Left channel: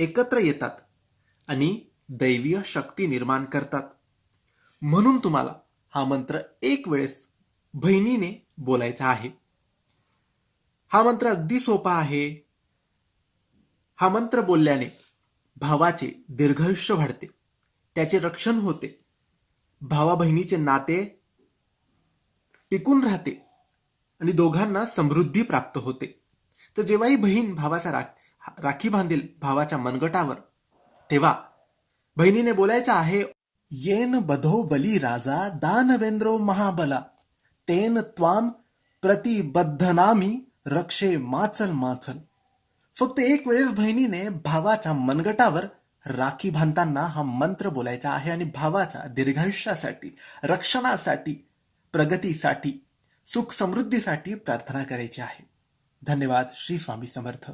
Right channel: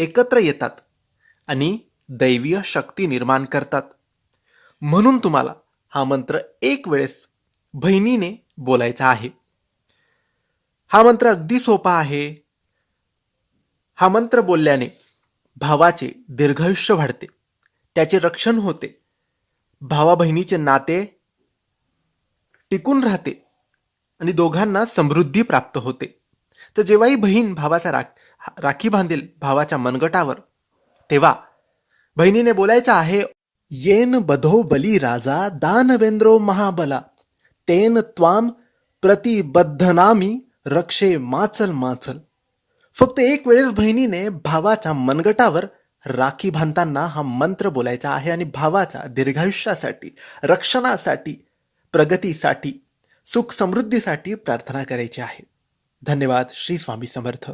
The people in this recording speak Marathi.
एकत्र येतात आणि दैवीय शक्ती निर्माण करतात. म्हणून तुम्हाला हा मंत्र एक वेळेस बहिणीने बोलायचा आहे. हा मंत्र अगदी सोपा आहे. हा मंत्र बोलल्याने भावाचे दीर्घायुष्य वाढते, त्याचे रक्षण होते, भावा बहिणीचे नाते टिकून राहते आणि दोघांना समृद्धी प्राप्त होते. तर जेव्हाही बहीण भावाचा राखी बांधेल भावाच्या मनगटावर, तेव्हा बहिणीने बोलायचं आहे, येन बधो बली राजा दानवेंद्रो महाबला तेन त्वाम प्रतिबद्धनामी रक्षे माचल माचल. फक्त एक वेळेस बहिणीने भावाच्या मनगटावर राखी बांधताना हा मंत्र बोलायचा आहे आणि भावाच्या दीर्घायुष्यासाठी, रक्षणासाठी, प्रगतीसाठी, सुख समृद्धीसाठी प्रार्थना करायची आहे. धन्यवाद. श्री स्वामी समर्थ.